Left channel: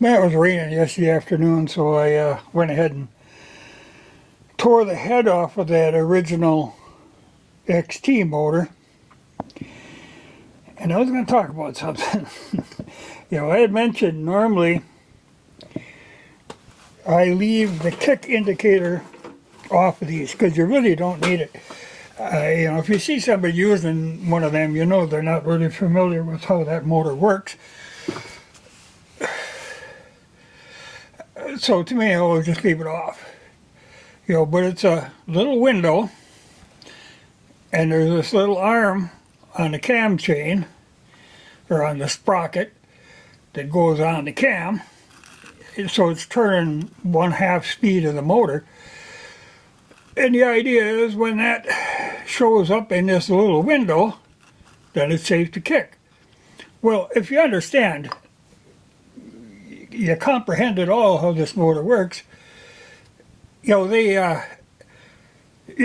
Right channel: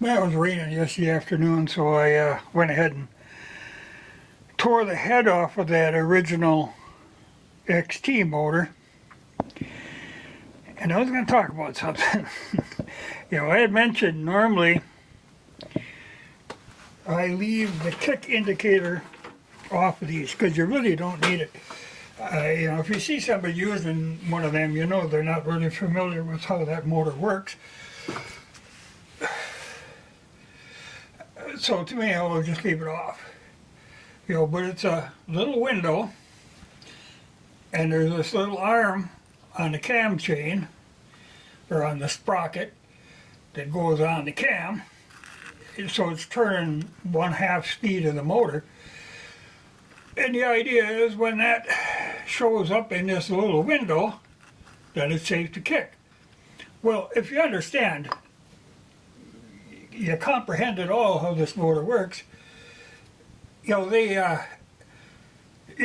Man, it was raining yesterday afternoon, so I went ahead and tore the head off of that original XT motor. And I was going to talk about something. I had mentioned normally I leave the kick indicator off of these because you really don't need it. If you see somebody using one of them, you know they're not really familiar with how that motor works. So to me, I always just leave it off. But it's a little window, and there's this little arm on the cam chain, or on the sprocket, that goes on the cam. So it's turning 1/2 speed of the motor. And the idea is when that shows up in this little window, then it's safe to kick. Well, if you understand, you comprehend at all how this motor works, you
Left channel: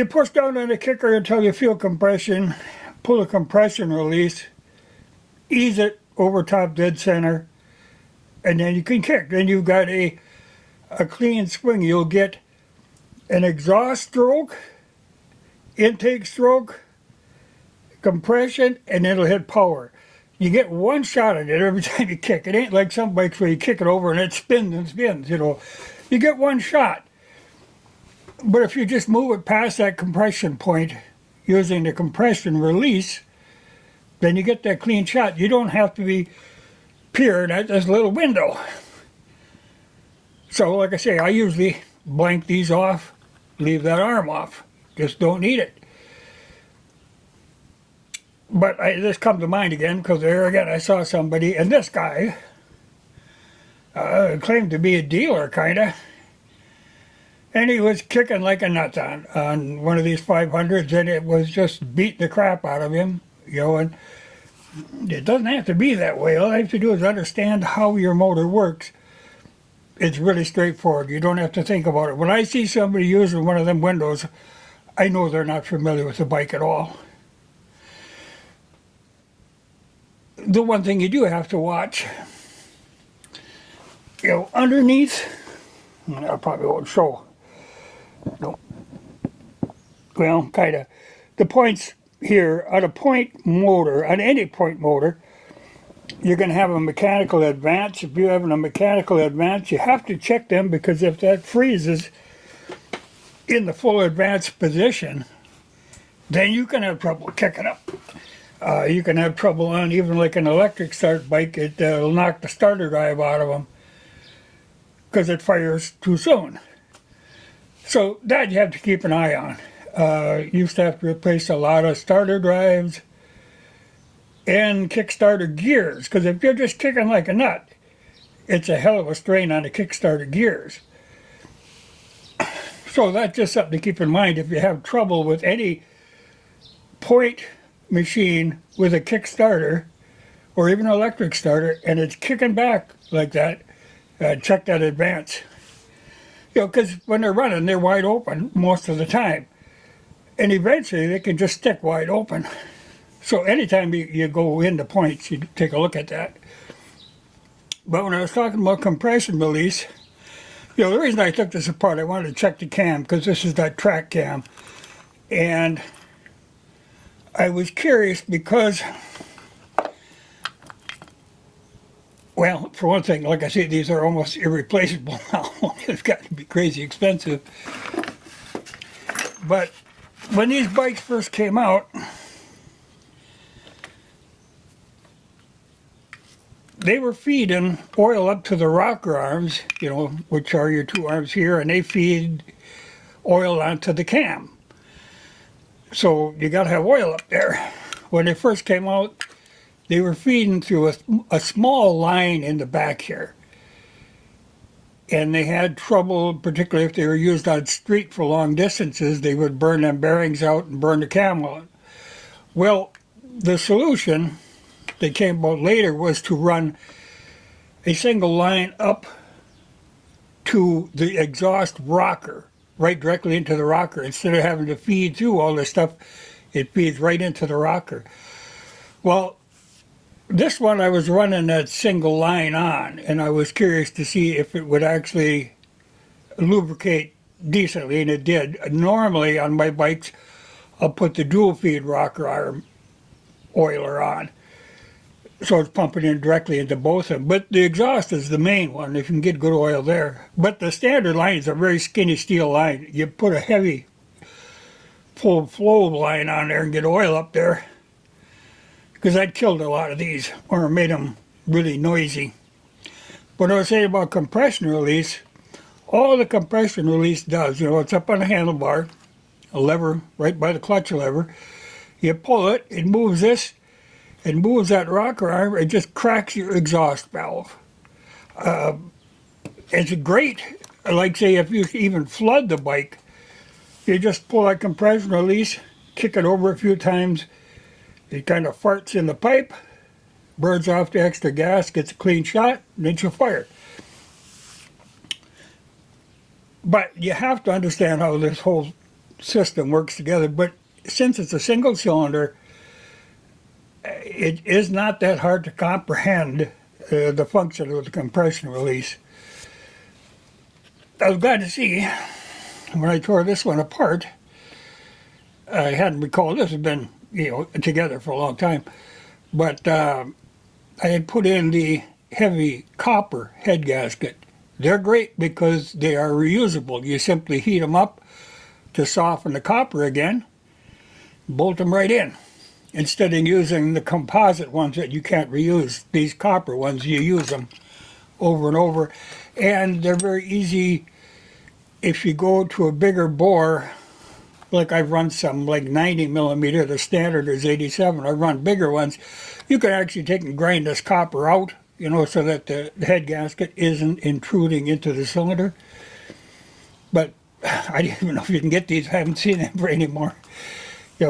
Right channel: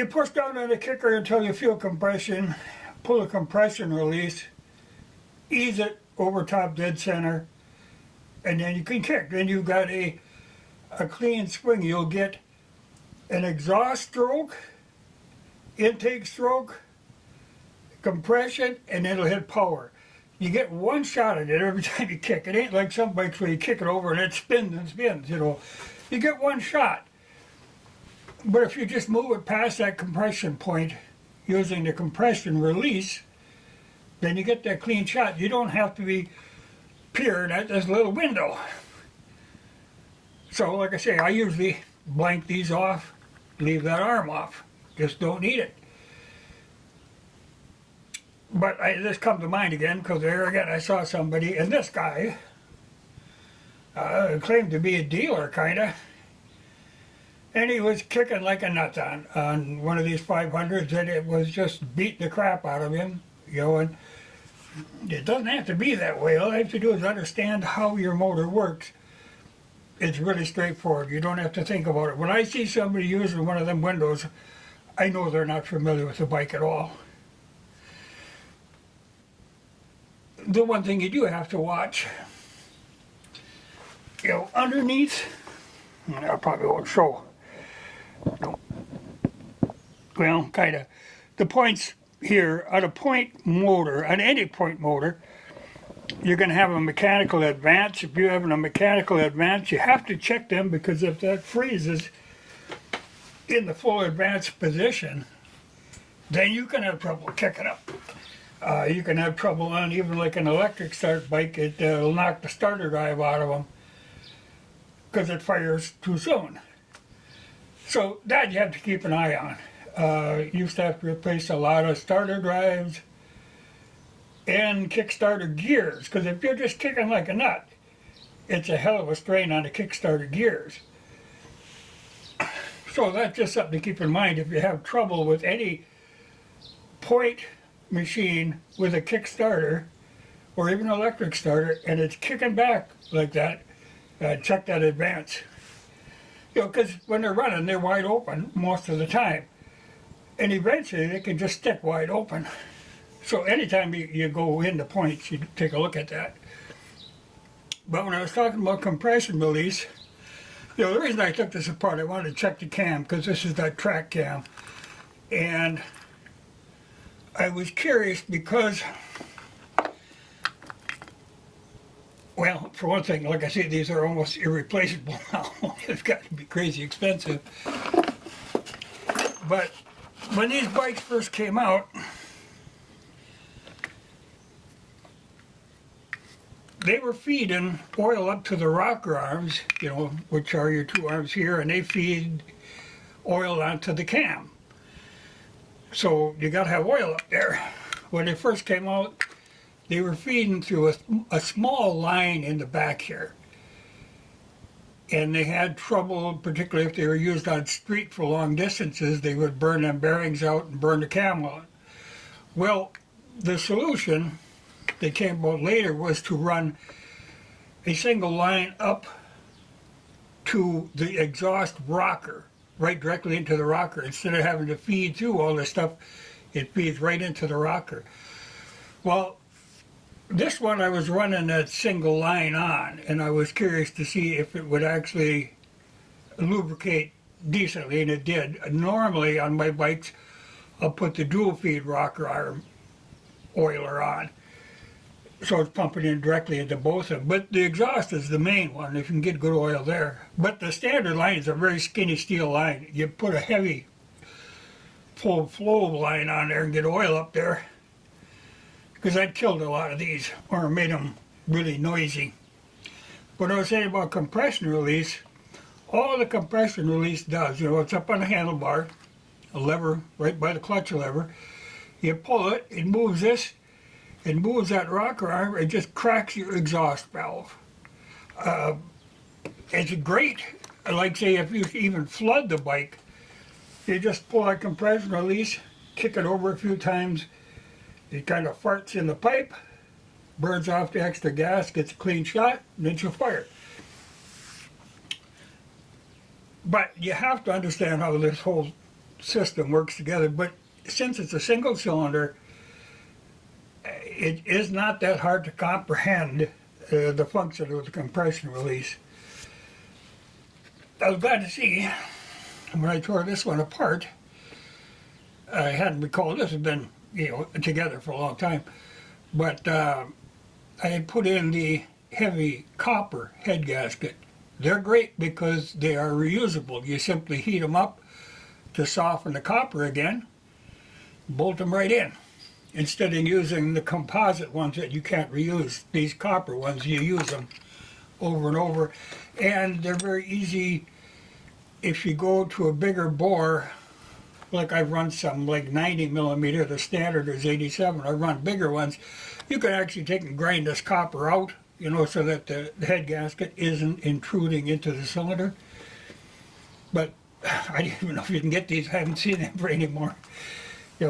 push down on the kicker until you feel compression, pull the compression release, ease it over top dead center, and then you can kick. Then you've got a clean swing. You'll get an exhaust stroke, intake stroke, compression, and it'll hit power. You get one shot at it every time you kick. It ain't like some bikes where you kick it over and it spins and spins, You get one shot. But if you just move it past that compression point using the compression release, then you get that clean shot. You don't have to be peered at this little window. So, like I say, I usually blank these off, leave that arm off. Just don't need it. But this comes to mind again, because there again I saw somebody, and this guy claimed to be a dealer, kind of. And he was kicking like a nut on one of these 500s, and it was just beating the crap out of him, and it doesn't have to be that way. All you have to do is understand how your motor works. It's really straightforward. You don't have to think about it. When I see somebody using one of them windows, I know they're not familiar with the bike at all. The one thing you do have to watch, underneath, I probably won't show. No. Well, kind of. The points here, on a point motor, on any point motor, you're going to have a mechanical advance. If you're having a mechanical advance, you have to check them, because if that freezes in the full advanced position, then you can have trouble kicking up. You can have trouble on even like an electric start bike. It'll knock the starter drive out of them because it fires too soon. So that you have to keep an eye on. Used to have to replace a lot of starter drives and kickstarter gears, because if you're just kicking like a nut, it's a hell of a strain on the kickstarter gears. So that's just something to keep in mind if you have trouble with any point machine with a kickstarter or even an electric starter, and it's kicking back like that. Check that advance. Because when they're running, they're wide open most of the time, and eventually they can just stick wide open. So anytime you go into points, you take a look at that. But when I was talking about compression release, the reason I took this apart, I wanted to check the cam, because this is that track cam. And I was curious because, well, for one thing, like I say, these are almost irreplaceable now. They've got to be crazy expensive. But when these bikes first came out, they were feeding oil up to the rocker arms, which are your two arms here, and they feed oil onto the cam. So you got to have oil up there. When they first came out, they were feeding through a small line in the back here. And they had trouble, particularly if they were used on street for long distances, they would burn them bearings out and burn the cam out. Well, the solution that came about later was to run a single line up to the exhaust rocker, right directly into the rocker. Instead of having to feed through all this stuff, it feeds right into the rocker. Well, This one I was running that single line on, and I was curious to see if it would actually lubricate decently, and it did. Normally on my bikes, I'll put the dual feed rocker arm oiler on, so it's pumping in directly into both of them. But the exhaust is the main one, if you can get good oil there. But the standard line is a very skinny steel line. You put a heavy full flow line on there and get oil up there, because that killed a lot of these, or made them really noisy. What I was saying about compression release, all the compression release does, it's up on the handlebar, a lever right by the clutch lever. You pull it, it moves this, it moves that rocker arm, it just cracks your exhaust valve. It's great, like say if you even flood the bike, you just pull that compression release, kick it over a few times, it kind of farts in the pipe, burns off the extra gas, gets a clean shot, and then you fire. But you have to understand how this whole system works together. But since it's a single cylinder, it is not that hard to comprehend the function of the compression release. I was glad to see when I tore this one apart, I hadn't recalled, this had been together for a long time, but I had put in the heavy copper head gasket. They're great because they are reusable. You simply heat them up to soften the copper again, bolt them right in. Instead of using the composite ones that you can't reuse, these copper ones, you use them over and over. And they're very easy if you go to a bigger bore. Like I've run some like 90 millimeter, the standard is 87. I've run bigger ones. You can actually take and grind this copper out, so that the head gasket isn't intruding into the cylinder. But I don't even know if you can get these. I haven't seen them anymore.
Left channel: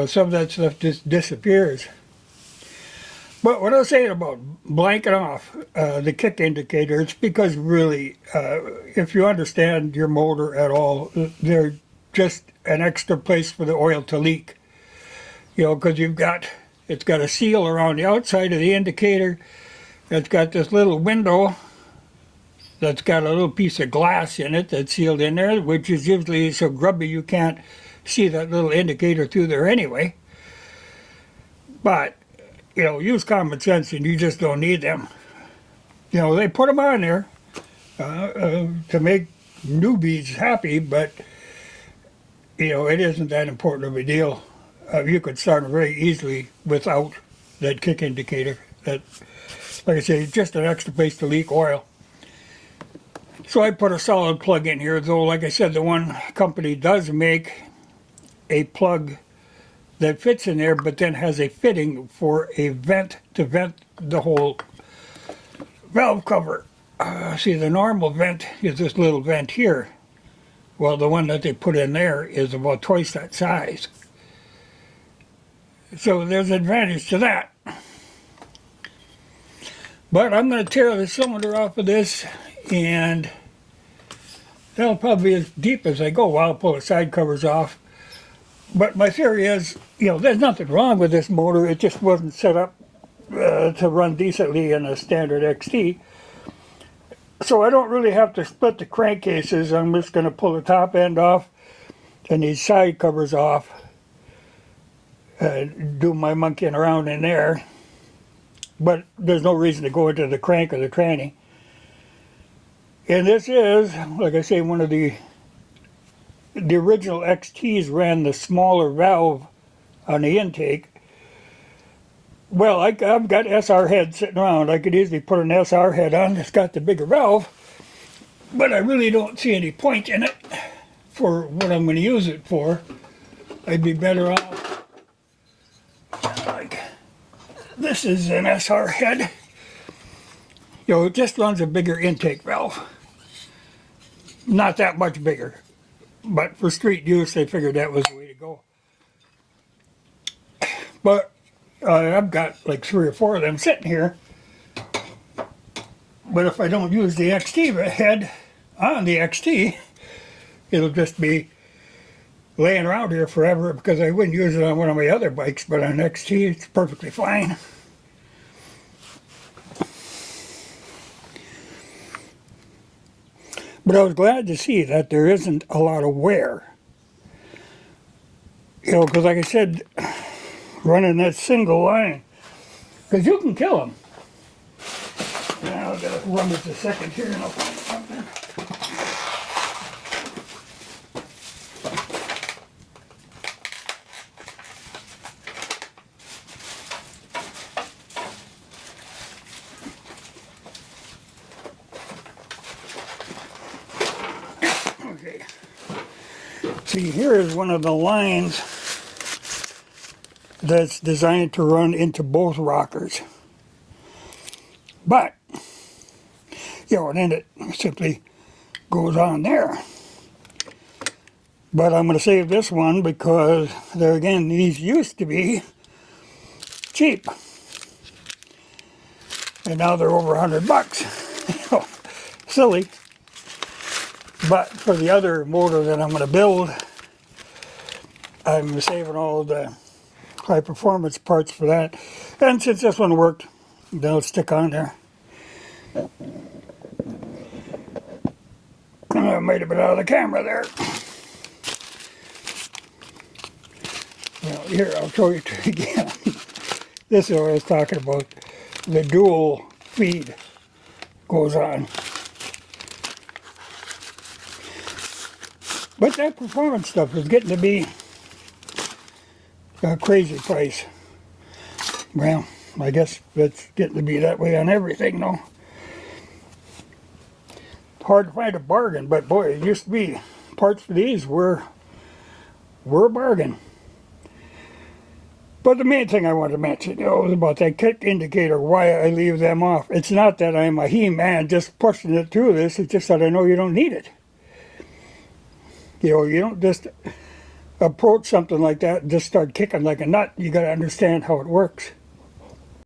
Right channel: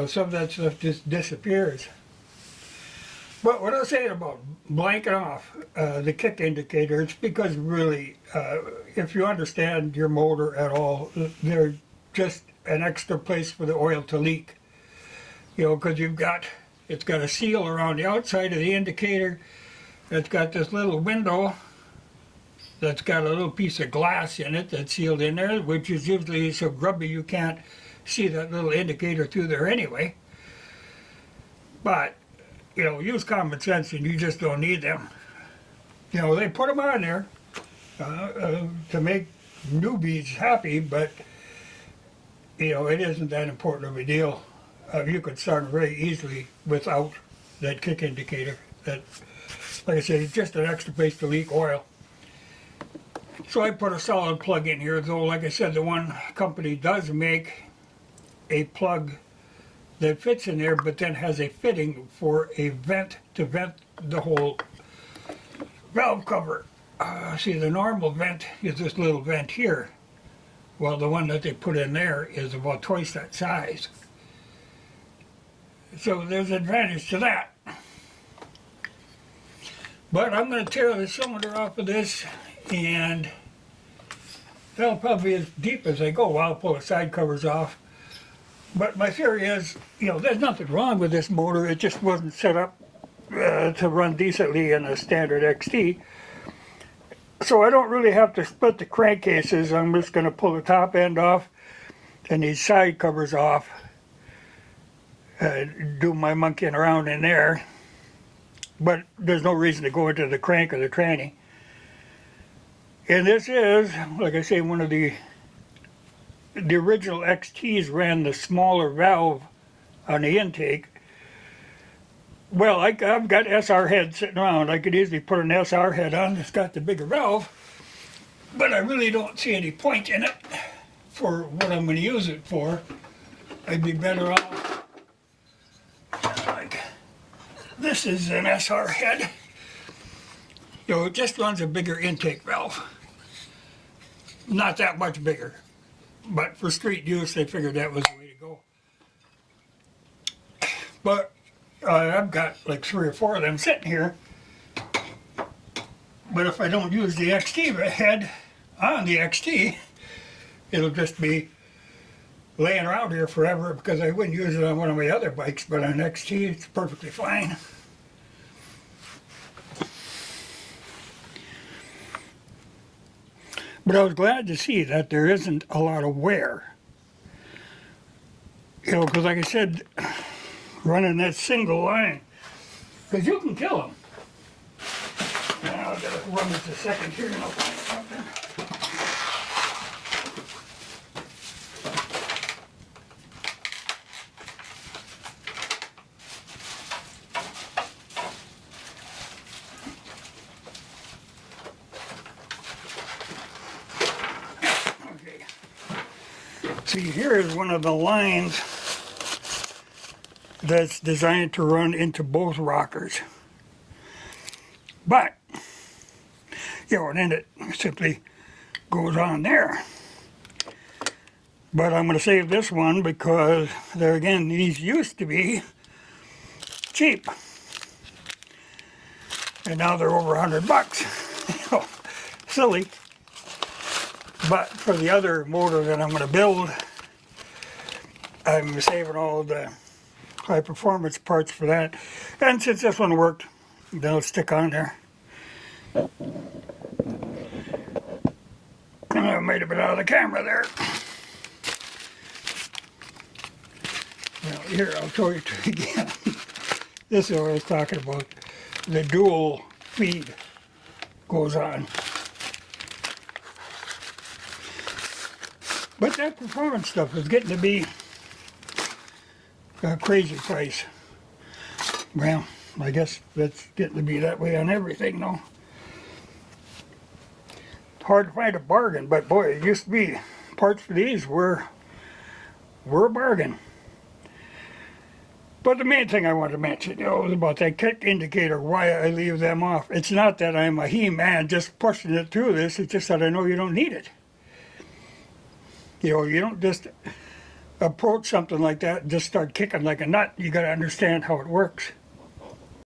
Some of that stuff just disappears. But what I was saying about blanking off the kick indicator, it's because really, if you understand your motor at all, they're just an extra place for the oil to leak. Because it's got a seal around the outside of the indicator. It's got this little window that's got a little piece of glass in it that's sealed in there, which is usually so grubby you can't see that little indicator through there anyway. But, use common sense and you just don't need them. They put them on there to make newbies happy, but, it isn't that important of a deal. You could start very easily without that kick indicator. That, like I say, it's just an extra place to leak oil. So I put a solid plug in here, though like I said, the one company does make a plug that fits in there, but then has a fitting for a vent to vent the whole valve cover. See, the normal vent is this little vent here. Well, the one that they put in there is about twice that size. So there's an advantage to that. But I'm going to tear the cylinder off of this, and that'll probably be as deep as I go while I pull the side covers off. But my theory is, there's nothing wrong with this motor. It just wasn't set up to run decently in a standard XT. So I don't really have to split the crankcases. I'm just going to pull the top end off and these side covers off. Do my monkeying around in there. But there's no reason to go into the crank or the tranny. And this is, like I say, one of the original XTs ran the smaller valve on the intake. Well, I've got SR head sitting around. I could easily put an SR head on. It's got the bigger valve, but I really don't see any point in it for what I'm going to use it for. I'd be better off. Like, this is an SR head. It just runs a bigger intake valve. Not that much bigger, but for street use, they figured that was the way to go. But I've got like 3 or 4 of them sitting here. But if I don't use the XT head on the XT, it'll just be laying around here forever, because I wouldn't use it on one of my other bikes, but on XT it's perfectly fine. But I was glad to see that there isn't a lot of wear. You know, because like I said, running that single line, because you can kill them. Now I've got to run this a second here and I'll find something. See, here is one of the lines that's designed to run into both rockers. But, you know, and then it simply goes on there. But I'm going to save this one because, there again, these used to be cheap. And now they're over $100. Silly. But for the other motor that I'm going to build, I'm saving all the high performance parts for that. And since this one worked, they'll stick on there. I might have been out of the camera there. Well, here, I'll show you again. This is what I was talking about. The dual feed goes on. But that performance stuff is getting to be a crazy price. Well, I guess that's getting to be that way on everything, though. Hard to find a bargain, but boy, it used to be parts for these were a bargain. But the main thing I wanted to mention, you know, was about that kick indicator, why I leave them off. It's not that I'm a he-man just pushing it through this, it's just that I know you don't need it. You know, you don't just approach something like that and just start kicking like a nut. You got to understand how it works.